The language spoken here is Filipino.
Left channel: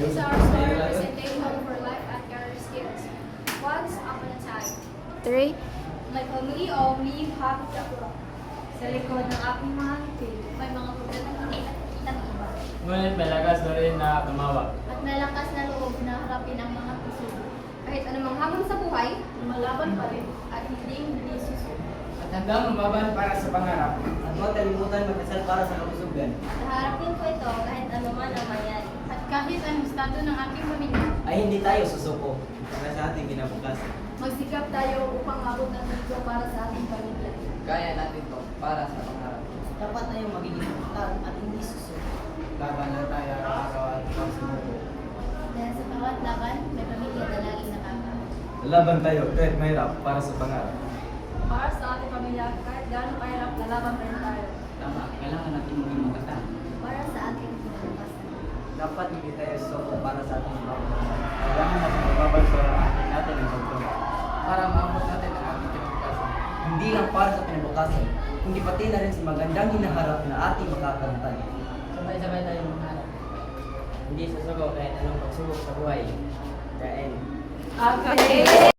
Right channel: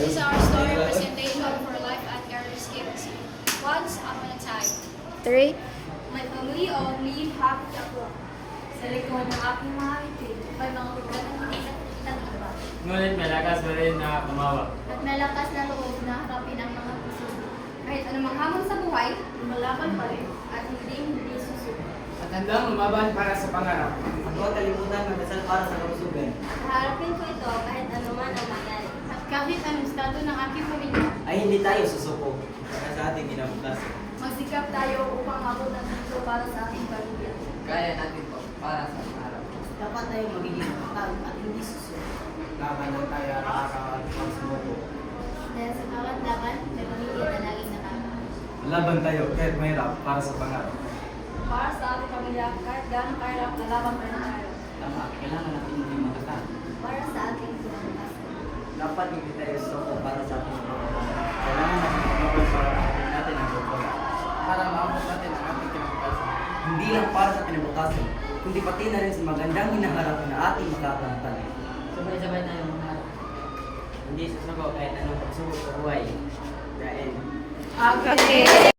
This is our story presentation for life at early skills. Once upon a time, 3. may family only happy ako. Sa likod ng aking mga ngiti, may mga problemang hindi nakikita ng iba. Ngunit may lakas pa rin na kumawa. At may lakas na loob na harapin ang mga puso. Kahit anumang hamon sa buhay, lumalaban pa rin at hindi susuko. At handang lumaban para sa pangarap. At huwag kalimutan magdasal para sa kalusugan. Naharapin ko ito kahit anuman ang mangyari. At kahit anong estado ng aking pamilya, Ay hindi tayo susuko para sa ating kinabukasan. magsikap tayo upang abot ang gusto para sa ating pamilya. Kaya natin to para sa pangarap. Dapat tayo magiging matag at hindi susuko. Laban na tayo araw-araw at pagsumuko. Dahil sa bawat laban, may pamilya na laging nakaka. Laban tayo kahit mahirap para sa pangarap. Para sa ating pamilya, kahit gaano kahirap, lalaban pa rin tayo. Tama, kailangan natin maging matatag. Para sa ating kinabukasan. Dapat hindi tayo susuko para sa ating kinabukasan. Kailangan natin magbabal para natin ang pagkakas. Para maabot natin ang ating kinabukasan. Hindi lang para sa kinabukasan, kundi pati na rin sa magandang hinaharap na ating makakamtan. Sabay-sabay tayo maghanap. Hindi susuko kahit anong pagsubok sa buhay. The end. Okay.